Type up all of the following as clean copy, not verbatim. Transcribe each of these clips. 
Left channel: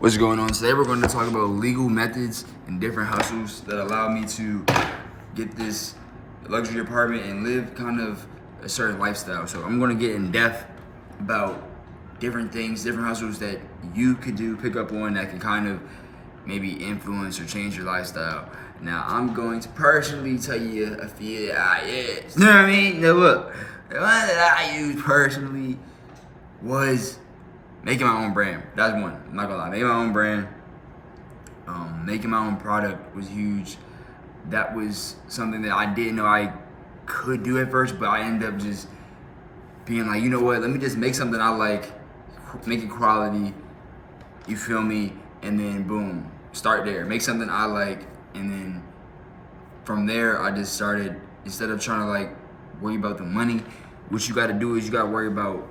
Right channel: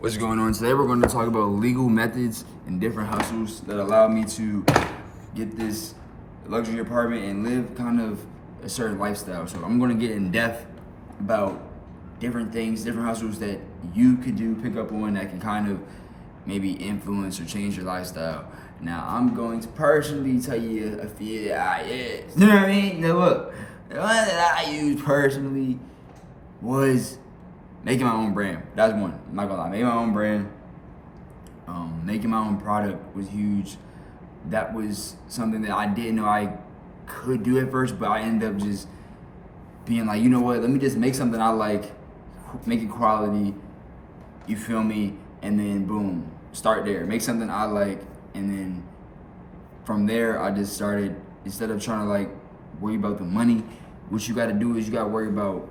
What's going on? Today we're going to talk about legal methods and different hustles that allow me to get this luxury apartment and live kind of a certain lifestyle. So I'm going to get in depth about different things, different hustles that you could do, pick up on that can kind of maybe influence or change your lifestyle. Now I'm going to personally tell you a few that I use. You know what I mean? Now look, the one that I used personally was making my own brand. That's one. I'm not gonna lie. Making my own brand, making my own product was huge. That was something that I didn't know I could do at first, but I ended up just being like, you know what? Let me just make something I like, make it quality. You feel me? And then boom, start there. Make something I like, and then from there I just started. Instead of trying to like worry about the money, what you got to do is you got to worry about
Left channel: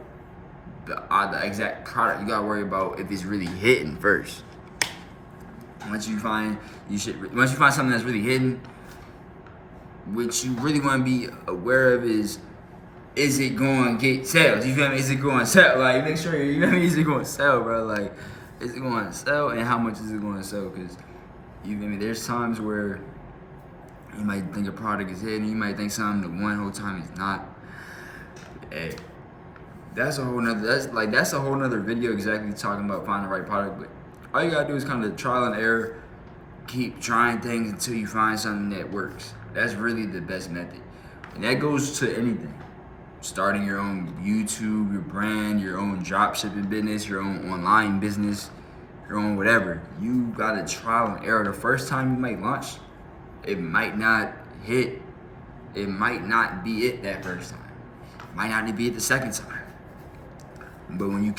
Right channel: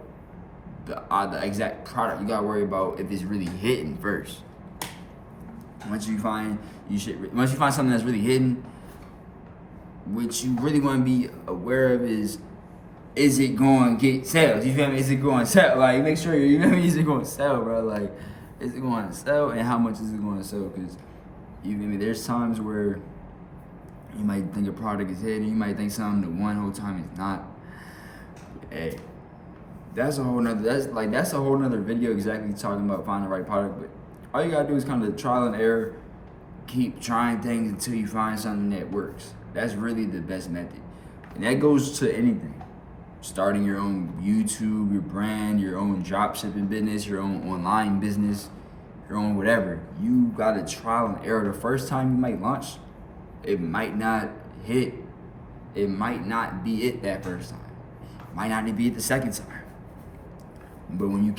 the exact product. You gotta worry about if it's really hitting first. Once you find something that's really hidden, what you really want to be aware of is it going to get sales? You feel me? Is it going to sell? Like, make sure you know, is it going to sell, bro? Like, is it going to sell, and how much is it going to sell? Because you feel me? There's times where you might think a product is hidden, you might think something the one whole time it's not. Hey, that's a whole nother video exactly talking about finding the right product. But all you gotta do is kind of trial and error, keep trying things until you find something that works. That's really the best method. And that goes to anything. Starting your own YouTube, your brand, your own drop shipping business, your own online business, your own whatever. You gotta trial and error. The first time you might launch, it might not hit. It might not be it that first time. It might not be it the second time. But when you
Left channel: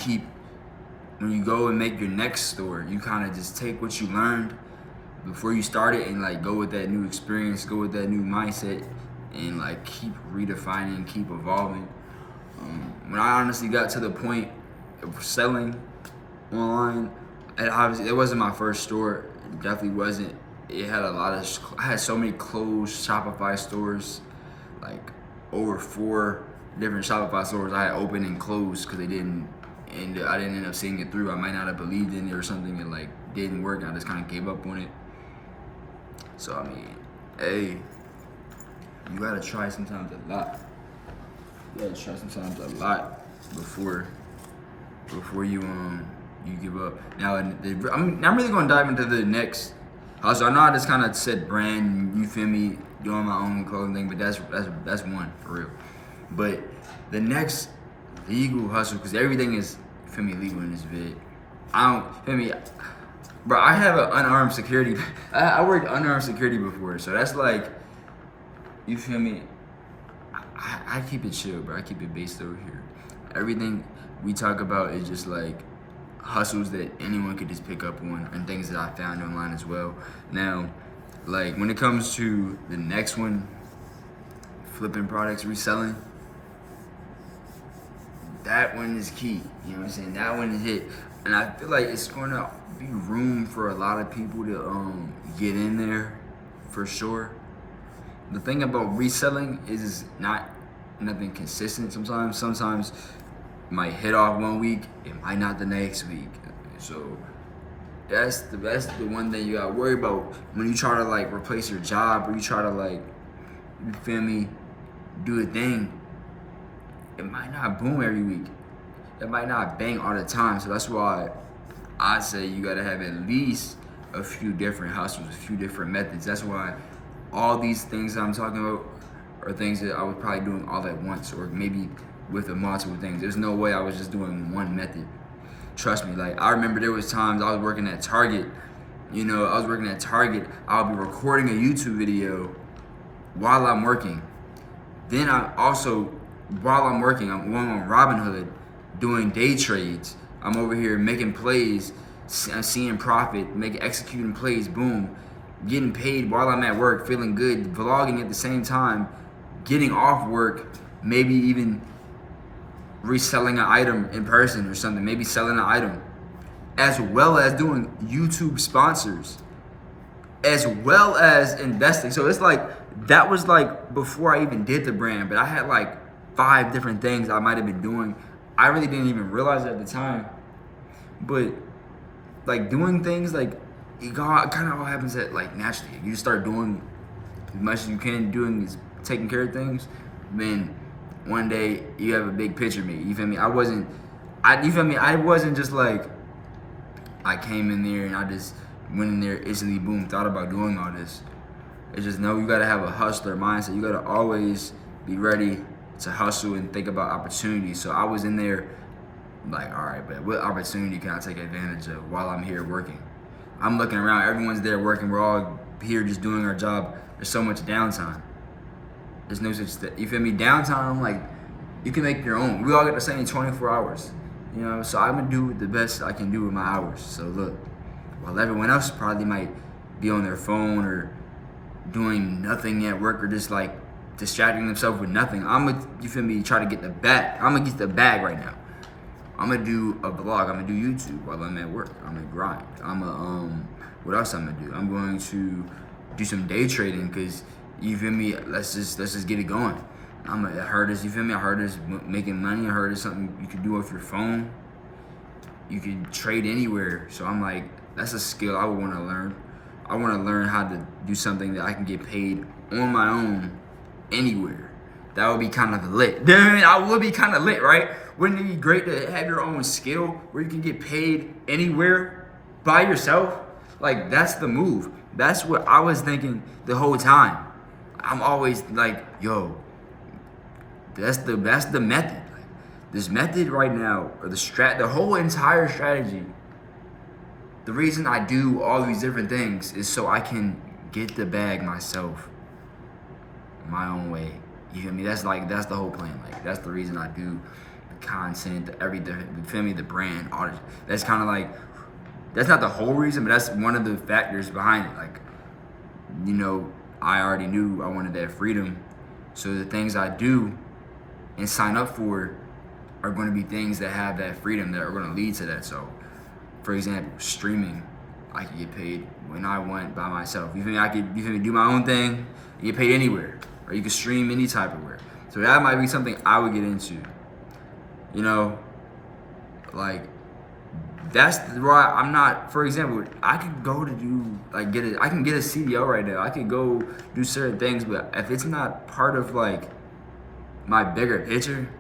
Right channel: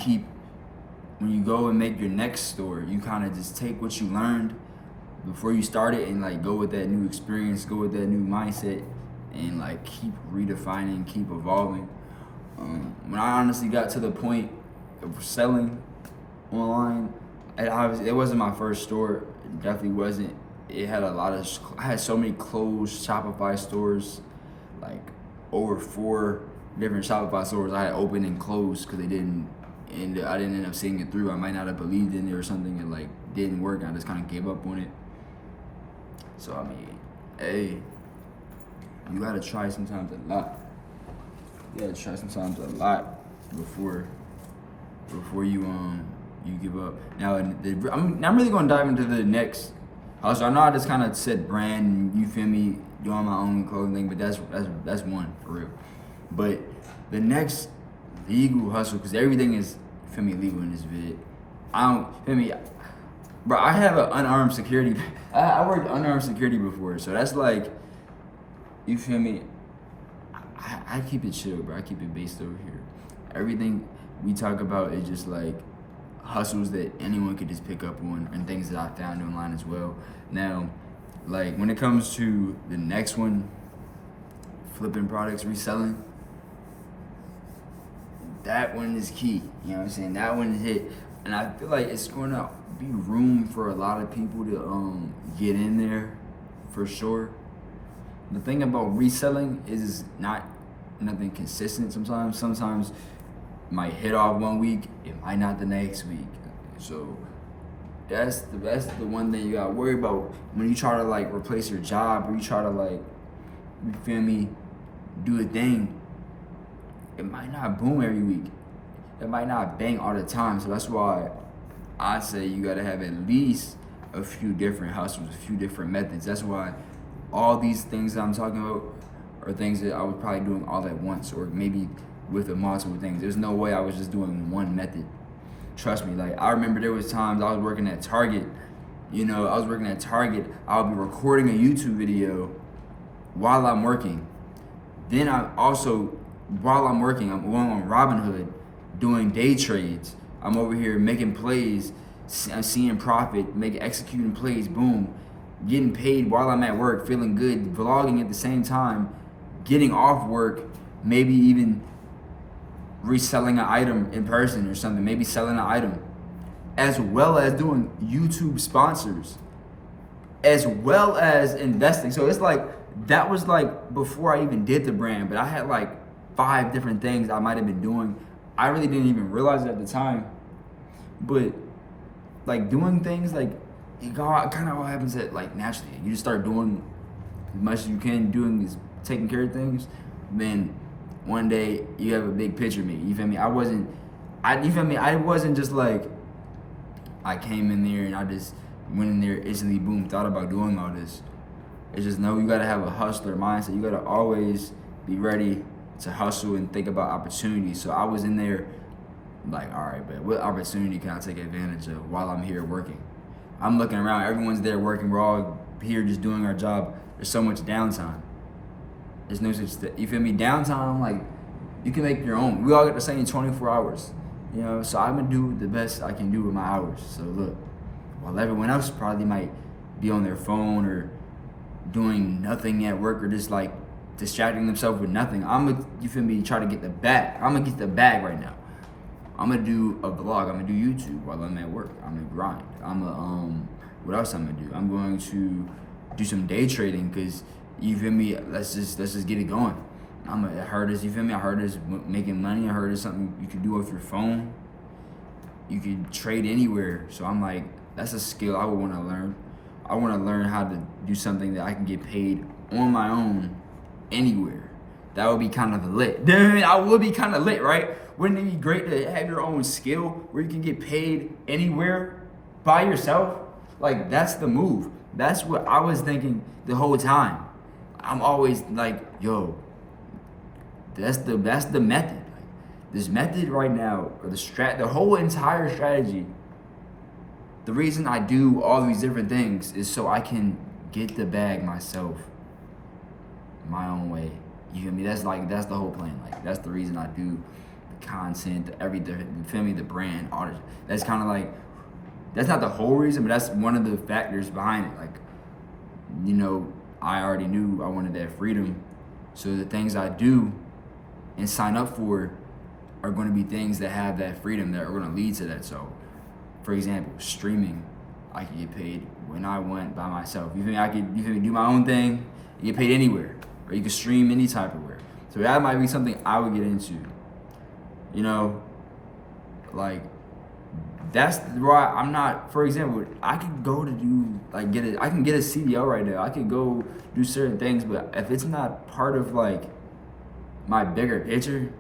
go and make your next store, you kind of just take what you learned before you started and like go with that new experience, go with that new mindset, and like keep redefining, keep evolving. When I honestly got to the point of selling online, it wasn't my first store. It definitely wasn't. It had I had so many closed Shopify stores, like over 4 different Shopify stores I had opened and closed because I didn't end up seeing it through. I might not have believed in it or something, and like didn't work. I just kind of gave up on it. So I mean, hey, you gotta try sometimes a lot. You gotta try sometimes a lot before you give up. Now I'm really gonna dive into the next hustle. I know I just kind of said brand, you feel me, doing my own clothing thing, but that's one for real. But the next legal hustle, because everything is, feel me, legal in this vid. Feel me, bro, I have an unarmed security. I worked unarmed security before, so that's like, you feel me, I keep it chill, bro. I keep it based over here. Everything we talk about is just like hustles that anyone could just pick up on and things that I found online as well. Now, like when it comes to the next one, flipping products, reselling, that one is key. You know what I'm saying? That one is it. And I feel like it's going to be room for a lot of people to get in there for sure. The thing about reselling is not nothing consistent sometimes. Sometimes it might hit off one week, it might not the next week. So that's the one thing you gotta worry about when you try to like replace your job, or you try to like, you feel me, do a thing. It might not boom every week. It might not bang all the time. So that's why I say you gotta have at least a few different hustles, a few different methods. That's why all these things that I'm talking about are things that I was probably doing all at once, or maybe with a multiple things. There's no way I was just doing one method. Trust me, like I remember there was times I was working at Target. I'll be recording a YouTube video while I'm working. Then while I'm working, I'm on Robinhood doing day trades. I'm over here making plays, I'm seeing profit, executing plays, boom, getting paid while I'm at work, feeling good, vlogging at the same time, getting off work, maybe even reselling an item in person or something, maybe selling an item, as well as doing YouTube sponsors, as well as investing. So it's like, that was like before I even did the brand, but I had like 5 different things I might have been doing. I really didn't even realize it at the time, but like doing things like it kind of all happens at like naturally. You just start doing as much as you can, doing is taking care of things. Then one day you have a big picture of me. You feel me? You feel me? I wasn't just like I came in there and I just went in there instantly, boom, thought about doing all this. It's just no, you gotta have a hustler mindset. You gotta always be ready to hustle and think about opportunities. So I was in there like, all right, but what opportunity can I take advantage of while I'm here working? I'm looking around, everyone's there working, we're all here just doing our job. There's so much downtime. There's no such you feel me? Downtime, like, you can make your own. We all get the same 24 hours, you know? So I'm gonna do the best I can do with my hours. So look, while everyone else probably might be on their phone or doing nothing at work or just like distracting themselves with nothing, I'm gonna, you feel me, try to get the bag. I'm gonna get the bag right now. I'm gonna do a vlog. I'm gonna do YouTube while I'm at work. I'm gonna grind. What else I'm gonna do? I'm going to do some day trading because you feel me. Let's just get it going. I heard this. You feel me? I heard this making money. I heard it's something you can do with your phone. You can trade anywhere. So I'm like, that's a skill I would want to learn. I want to learn how to do something that I can get paid on my own anywhere. That would be kind of lit. I would be kind of lit, right? Wouldn't it be great to have your own skill where you can get paid anywhere by yourself? Like, that's the move. That's what I was thinking the whole time. I'm always like, yo, that's the method. Like, this method right now, or the whole entire strategy. The reason I do all these different things is so I can get the bag myself, my own way. You feel me? That's the whole plan. Like, that's the reason I do the content, you feel me? The brand, all this. That's kind of like, that's not the whole reason, but that's one of the factors behind it. Like, you know, I already knew I wanted that freedom. So the things I do and sign up for are going to be things that have that freedom, that are going to lead to that. So, for example, streaming, I can get paid when I want by myself. You feel me? I could, you feel me, do my own thing, and get paid anywhere, or you can stream any type of where. So that might be something I would get into. You know, like, that's why I'm not, for example, I could go to do, like, I can get a CDO right now. I could go do certain things, but if it's not part of, like, my bigger picture,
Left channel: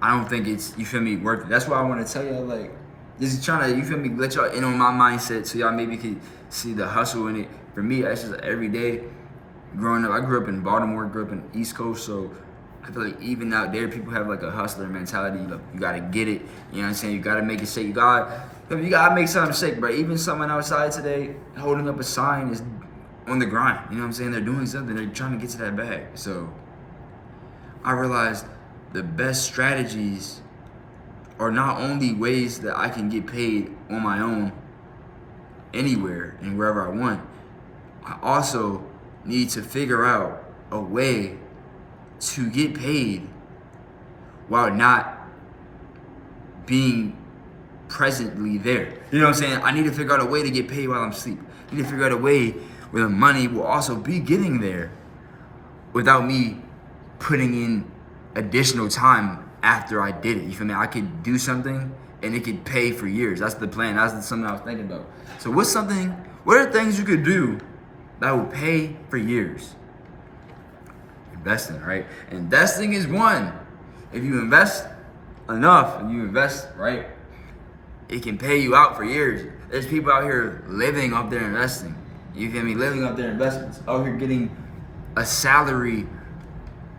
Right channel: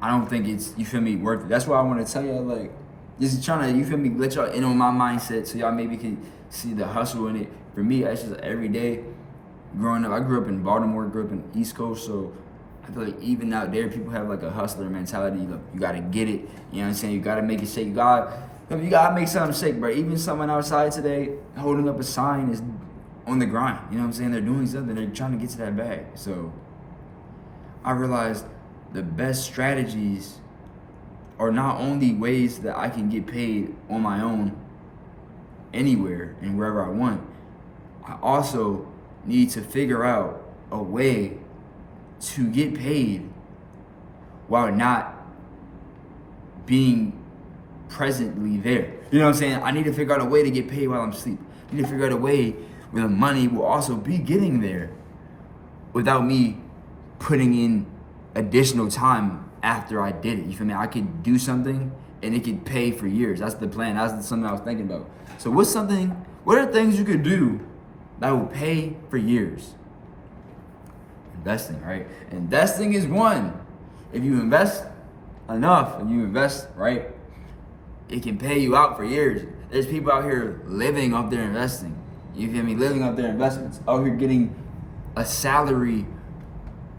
I don't think it's, you feel me, worth it. That's why I want to tell y'all, like, just trying to, you feel me, let y'all in on my mindset so y'all maybe can see the hustle in it. For me, it's just every day growing up. I grew up in Baltimore, grew up in the East Coast, so I feel like even out there, people have like a hustler mentality. Like, you gotta get it. You know what I'm saying? You gotta make it shake. You gotta make something shake. But even someone outside today holding up a sign is on the grind. You know what I'm saying? They're doing something. They're trying to get to that bag. So I realized the best strategies are not only ways that I can get paid on my own anywhere and wherever I want. I also need to figure out a way to get paid while not being presently there. You know what I'm saying? I need to figure out a way to get paid while I'm asleep. I need to figure out a way where the money will also be getting there without me putting in additional time after I did it. You feel me? I could do something and it could pay for years. That's the plan. That's something I was thinking about. So what are things you could do that will pay for years? Investing, right? Investing is one. If you invest enough and you invest, right, it can pay you out for years. There's people out here living off their investing. You feel me? Living off their investments. Out here getting a salary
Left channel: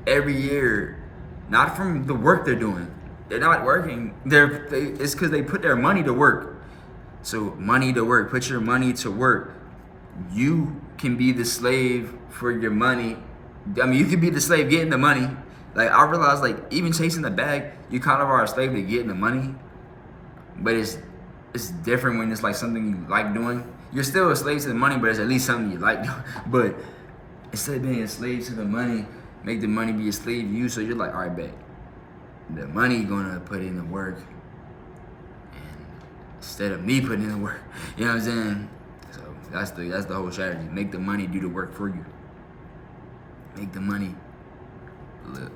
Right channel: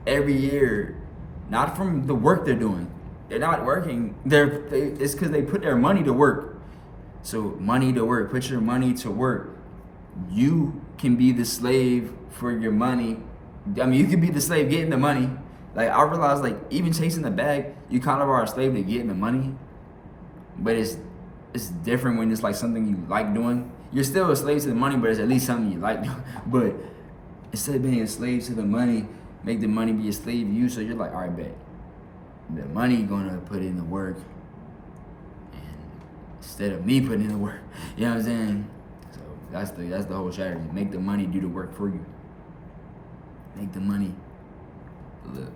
every year, not from the work they're doing. They're not working. It's because they put their money to work. So money to work. Put your money to work. You can be the slave for your money. I mean, you can be the slave getting the money. Like, I realized, like, even chasing the bag, you kind of are a slave to getting the money. But it's different when it's like something you like doing. You're still a slave to the money, but it's at least something you like doing. But instead of being a slave to the money, make the money be a slave to you. So you're like, all right, bet. The money gonna put in the work, and instead of me putting in the work. You know what I'm saying? So that's the whole strategy. Make the money do the work for you. Make the money flip.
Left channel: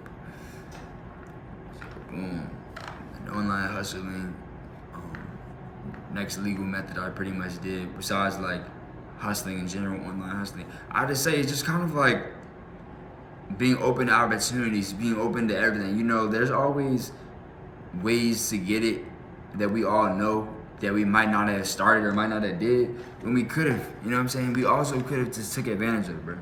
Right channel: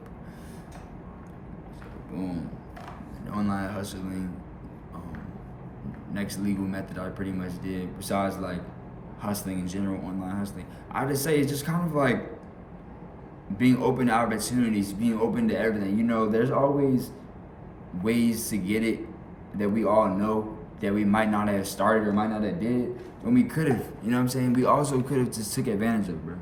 So boom. Online hustling. next legal method I pretty much did, besides like hustling in general, online hustling. I just say it's just kind of like being open to opportunities, being open to everything. You know, there's always ways to get it that we all know that we might not have started or might not have did when we could have. You know what I'm saying? We also could have just took advantage of it, bro.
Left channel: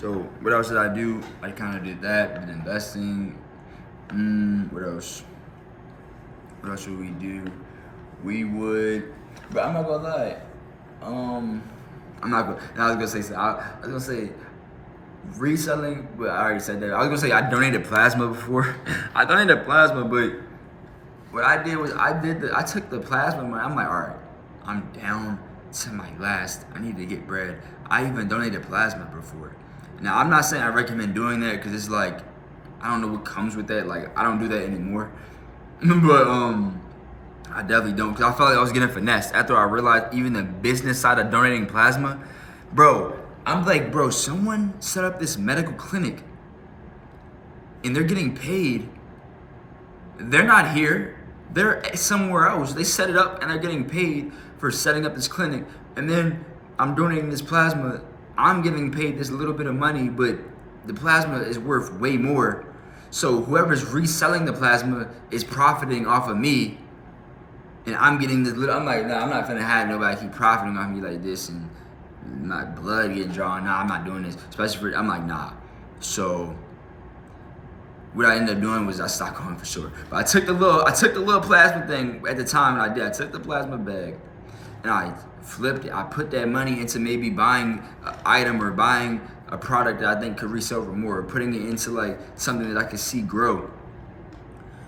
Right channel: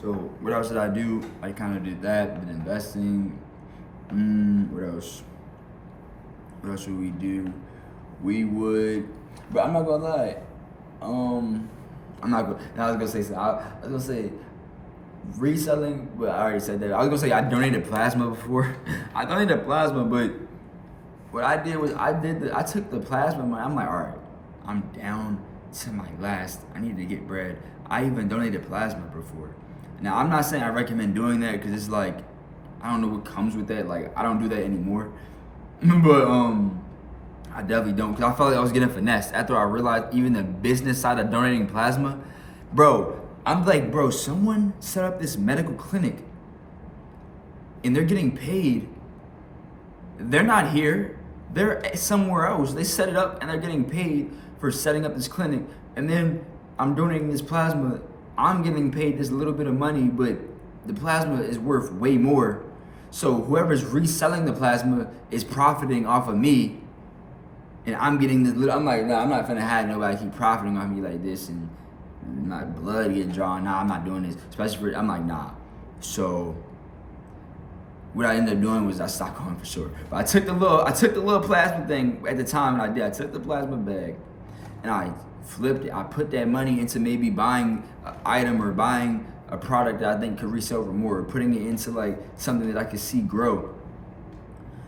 So what else did I do? I kind of did that, did investing. What else? What else would we do? We would, but I'm not gonna lie. I'm not gonna. I was gonna say something. I was gonna say reselling, but I already said that. I was gonna say I donated plasma before. I donated plasma, but what I did was I took the plasma money. I'm like, all right, I'm down to my last. I need to get bread. I even donated plasma before. Now I'm not saying I recommend doing that because it's like I don't know what comes with that. Like I don't do that anymore. But I definitely don't, because I felt like I was getting finessed after I realized even the business side of donating plasma. Bro, I'm like, bro, someone set up this medical clinic and they're getting paid. They're not here. They're somewhere else. They set it up and they're getting paid for setting up this clinic. And then I'm donating this plasma. I'm getting paid this little bit of money, but the plasma is worth way more. So whoever's reselling the plasma is profiting off of me. And I'm getting this little, I'm like, nah, I'm not finna have nobody keep profiting off me like this and my blood getting drawn. Nah, I'm not doing this. Especially for, I'm like, nah. So what I ended up doing was I stopped going for sure. But I took the little plasma thing at the time, and I took the plasma bag and I flipped it. I put that money into maybe buying an item or buying a product that I think could resell for more, or putting it into like something that I could see grow.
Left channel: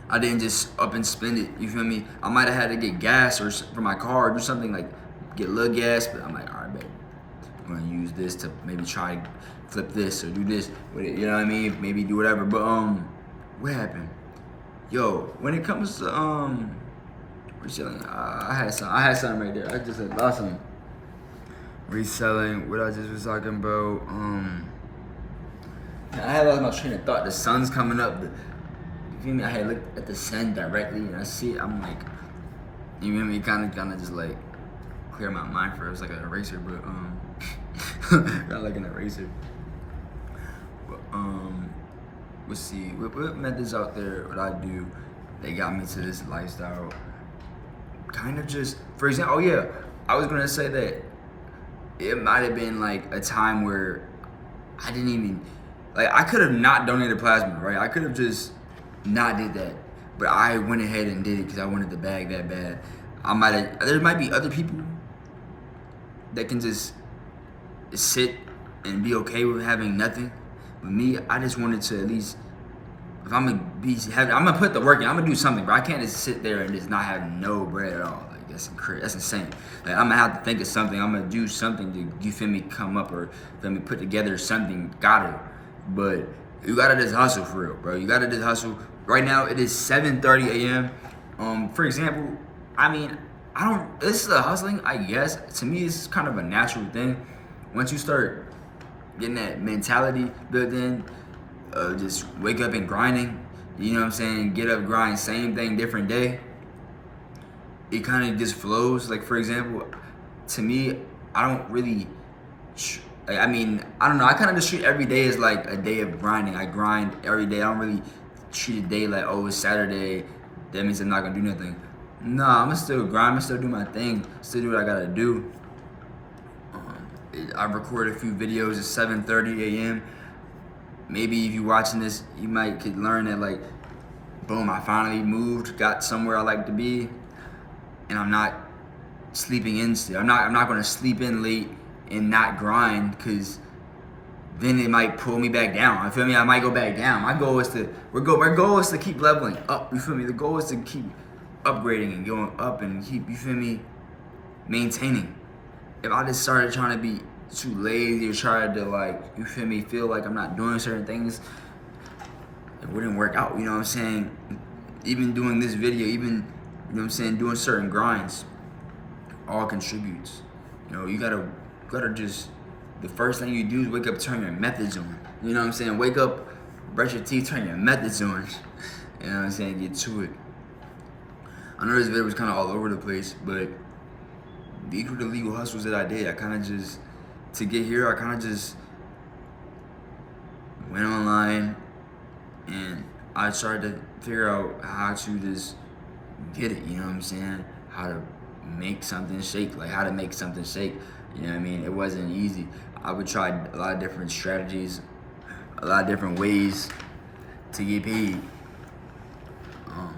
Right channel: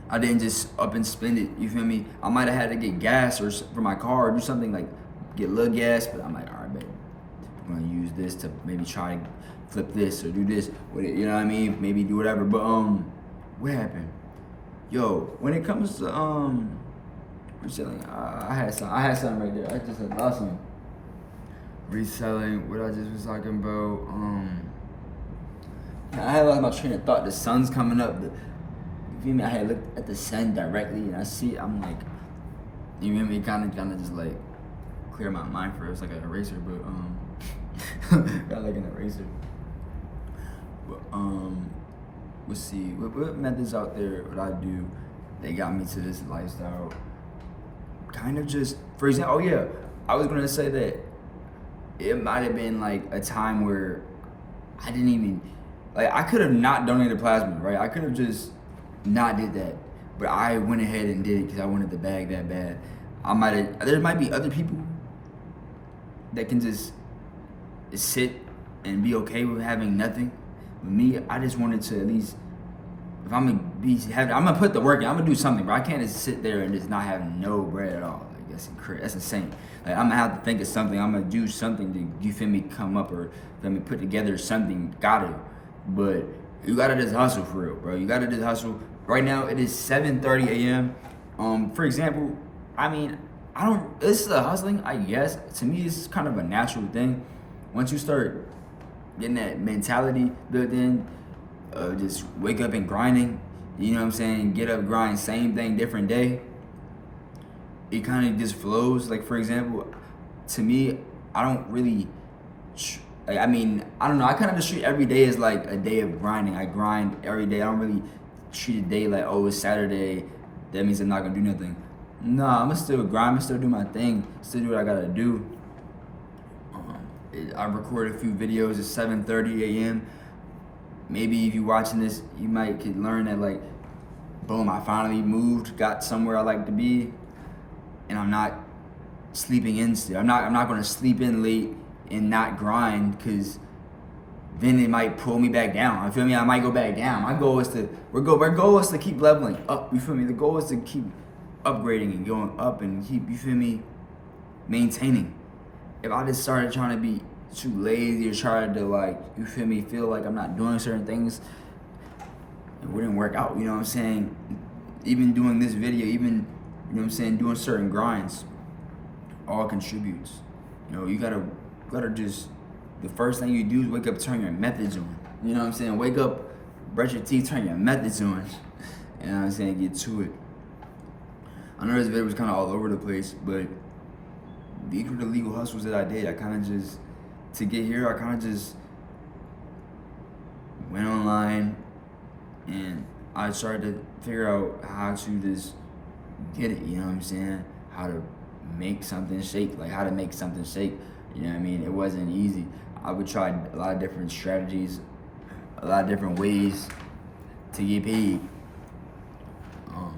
I didn't just up and spend it, you feel me? I might have had to get gas or for my car or do something like get a little gas, but I'm like, all right, babe, I'm gonna use this to maybe try flip this or do this with it, you know what I mean? Maybe do whatever, but what happened? Yo, when it comes to reselling, I had something right there. I just had lost something. Reselling, what I just was talking about, I had lost my train of thought. The sun's coming up. You feel me? I had looked at the sun directly and I see it. I'm like, you feel me? Kind of just like clear my mind for it. It's like an eraser, but not like an eraser. But let's see. What methods out there would I do that got me to this lifestyle? Kind of just, for example, oh yeah, I was gonna say that it might have been like a time where I didn't even, like I could have not donated plasma, right? I could have just not did that, but I went ahead and did it because I wanted the bag that bad. There might be other people that can just sit and be okay with having nothing, but me, I just wanted to at least, if I'm gonna put the work in, I'm gonna do something, but I can't just sit there and just not have no bread at all. Like that's insane. Like I'm gonna have to think of something. I'm gonna do something to, you feel me, come up or feel me, put together something. Got it, but you gotta just hustle for real, bro. You gotta just hustle. Right now it is 7:30 a.m. For example, I mean, this is a hustling, I guess. To me, it's kind of a natural thing. Once you start getting that mentality built in, just wake up and grinding, you know what I'm saying? Get up, grind, same thing, different day. It kind of just flows. Like, for example, to me, I don't really, I mean, I don't know. I kind of just treat every day as like a day of grinding. I grind every day. I don't really treat a day like, oh, it's Saturday, that means I'm not gonna do nothing. No, I'm gonna still grind. I'm gonna still do my thing. Still do what I gotta do. I recorded a few videos at 7:30 a.m. Maybe if you're watching this, you could learn that like, boom, I finally moved, got somewhere I like to be, and I'm not sleeping in still. I'm not gonna sleep in late and not grind, because then it might pull me back down. You feel me? I might go back down. My goal is our goal is to keep leveling up. You feel me? The goal is to keep upgrading and going up and keep, you feel me, maintaining. If I just started trying to be too lazy or tried to like, you feel me, feel like I'm not doing certain things, it wouldn't work out, you know what I'm saying? Even doing this video, even, you know what I'm saying, doing certain grinds, all contributes. You know, you gotta just, the first thing you do is wake up, turn your methods on. You know what I'm saying? Wake up, brush your teeth, turn your methods on. You know what I'm saying? Get to it. I know this video was kind of all over the place, but these were the legal hustles that I did. I kind of just, to get here, I kind of just went online and I started to figure out how to just get it, you know what I'm saying? How to make something shake, like how to make something shake, you know what I mean? It wasn't easy. I would try a lot of different strategies, a lot of different ways to get paid.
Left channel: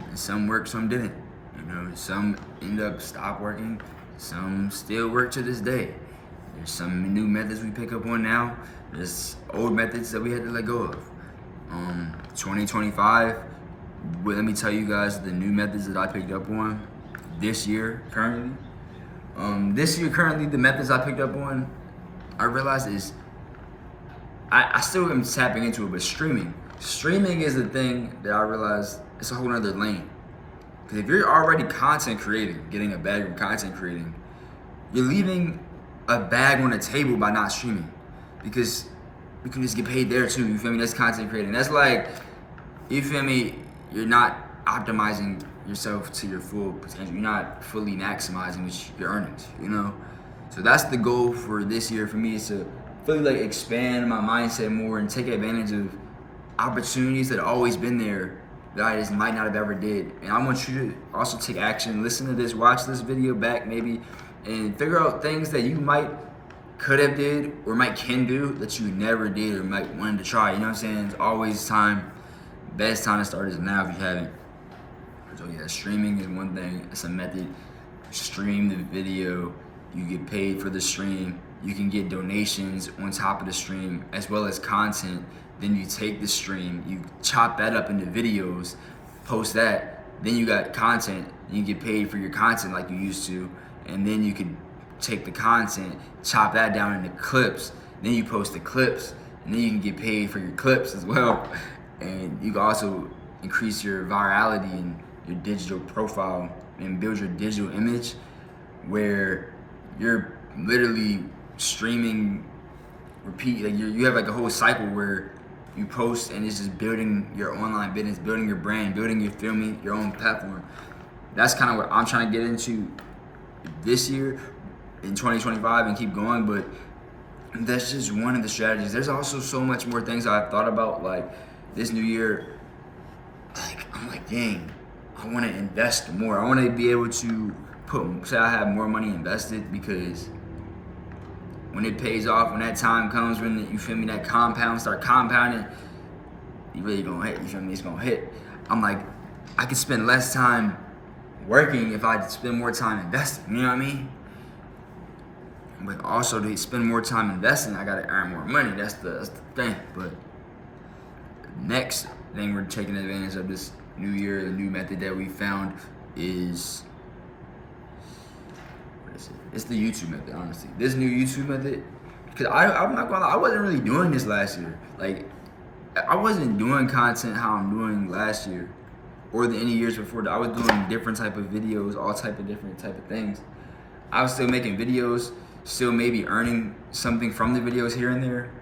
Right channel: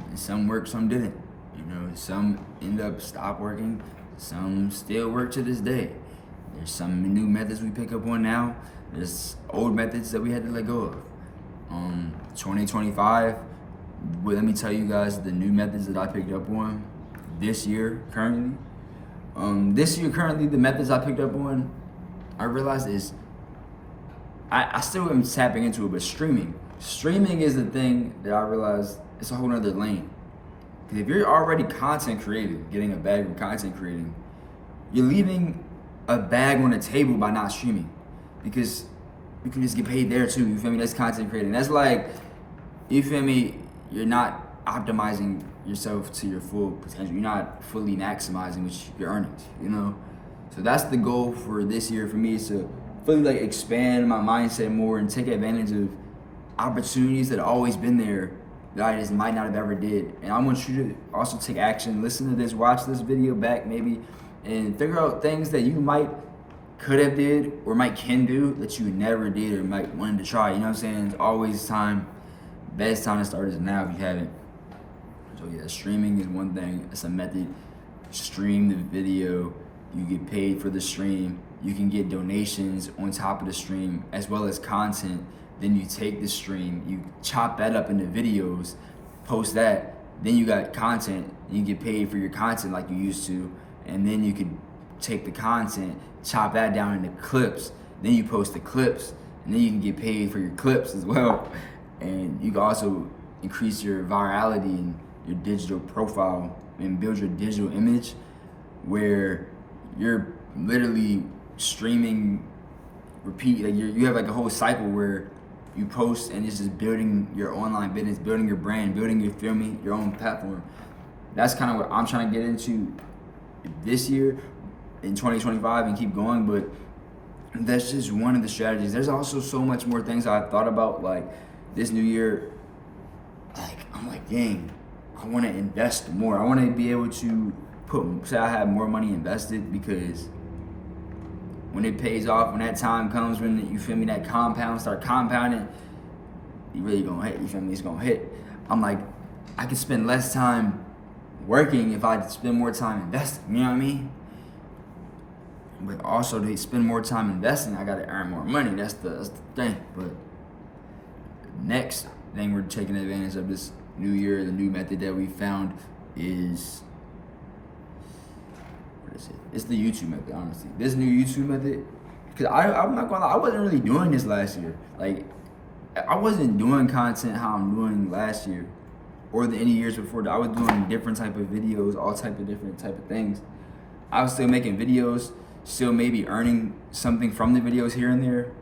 And some worked, some didn't. You know, some end up stop working, some still work to this day. There's some new methods we pick up on now. There's old methods that we had to let go of. 2025, well, let me tell you guys the new methods that I picked up on this year currently. The methods I picked up on, I realized is, I still am tapping into it, but streaming. Streaming is the thing that I realized it's a whole nother lane. Because if you're already content creating, getting a bag of content creating, you're leaving a bag on the table by not streaming. Because you can just get paid there too, you feel me? That's content creating. That's like, you feel me? You're not optimizing yourself to your full potential. You're not fully maximizing your earnings, you know? So that's the goal for this year for me, is to fully like expand my mindset more and take advantage of opportunities that have always been there that I just might not have ever did. And I want you to also take action, listen to this, watch this video back maybe, and figure out things that you could have did or can do that you never did or might wanted to try. You know what I'm saying? It's always time. Best time to start is now if you haven't. So yeah, streaming is one thing. It's a method. Stream the video. You get paid for the stream. You can get donations on top of the stream as well as content. Then you take the stream, you chop that up into videos, post that. Then you got content. You get paid for your content like you used to. And then you could take the content, chop that down into clips. Then you post the clips. And then you can get paid for your clips as well. And you can also increase your virality and your digital profile and build your digital image where you're literally streaming, repeat, like you have like a whole cycle where you post and it's just building your online business, building your brand, building your filming, your own platform. That's kind of what I'm trying to get into this year in 2025 and keep going, but that's just one of the strategies. There's also so much more things I've thought about, like this new year. Like I'm like, dang, I want to invest more. I want to be able to say I have more money invested, because when it pays off, when that time comes, when you feel me, that start compounding, you really gonna hit, you feel me, it's gonna hit. I'm like, I could spend less time working if I spend more time investing, you know what I mean? But also to spend more time investing, I gotta earn more money, that's the thing. But next thing we're taking advantage of this new year, the new method that we found is, it's the YouTube method, honestly. This new YouTube method, because I'm not gonna lie, I wasn't really doing this last year. Like, I wasn't doing content how I'm doing last year or any years before that. I was doing different type of videos, all type of different type of things. I was still making videos, still maybe earning something from the videos here and there.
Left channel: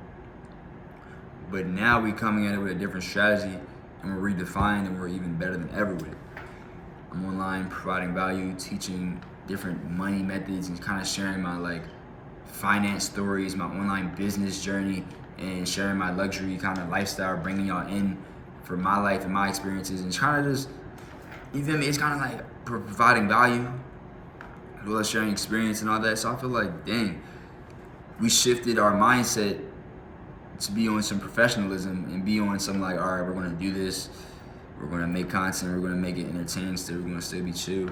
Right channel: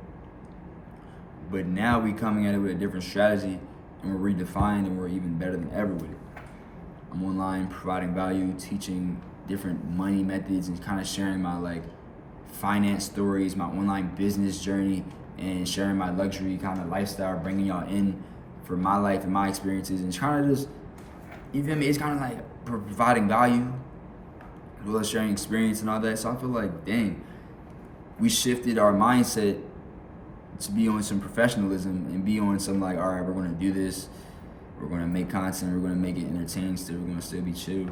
But now we coming at it with a different strategy, and we're redefined, and we're even better than ever with it. I'm online providing value, teaching different money methods, and kind of sharing my like finance stories, my online business journey, and sharing my luxury kind of lifestyle, bringing y'all in for my life and my experiences, and trying to just, you feel me, it's kind of like providing value as well as sharing experience and all that. So I feel like, dang, we shifted our mindset to be on some professionalism and be on some like, all right, we're gonna do this, we're gonna make content, we're gonna make it entertaining still, we're gonna still be chill.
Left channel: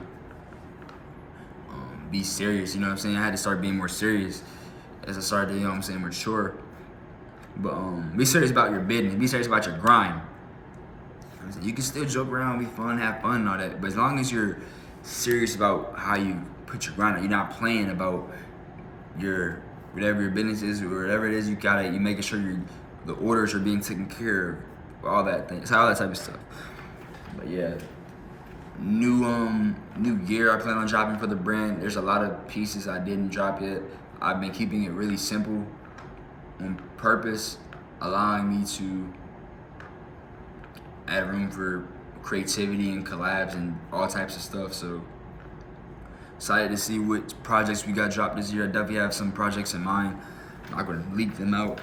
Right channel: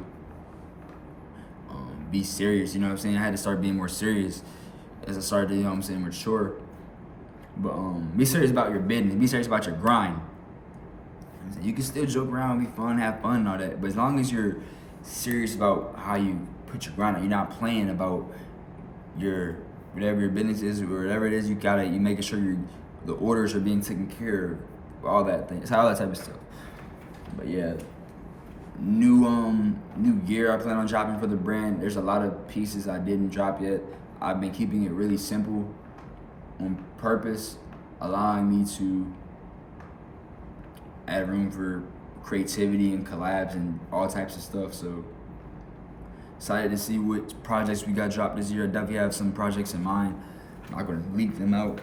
Be serious, you know what I'm saying? I had to start being more serious as I started to, you know what I'm saying, mature. But be serious about your business, be serious about your grind. You can still joke around, be fun, have fun and all that, but as long as you're serious about how you put your grind on, you're not playing about your whatever your business is or whatever it is, you making sure the orders are being taken care of, all that things, all that type of stuff. But yeah, new gear I plan on dropping for the brand. There's a lot of pieces I didn't drop yet. I've been keeping it really simple on purpose, allowing me to add room for creativity and collabs and all types of stuff. So excited to see what projects we got dropped this year. I definitely have some projects in mind. I'm not gonna leak them out,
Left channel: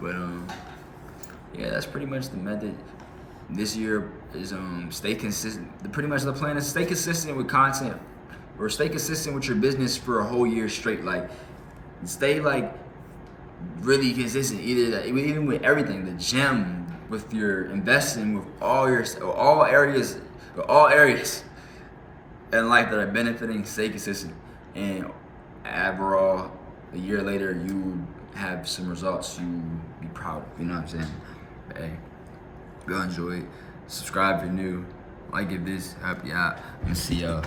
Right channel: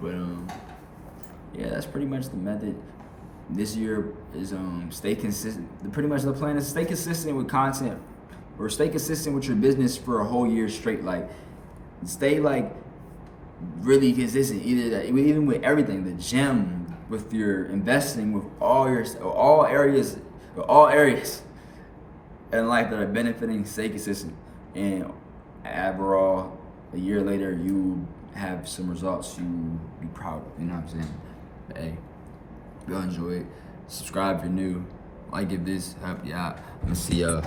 but yeah, that's pretty much the method. This year is stay consistent. Pretty much the plan is stay consistent with content, or stay consistent with your business for a whole year straight. Like stay like really consistent, even with everything, the gym, with your investing, with all areas in life that are benefiting. Stay consistent, and overall, a year later, you have some results you be proud of. You know what I'm saying? But hey, go enjoy it. Subscribe if you're new. Like if this helped you out. And see y'all.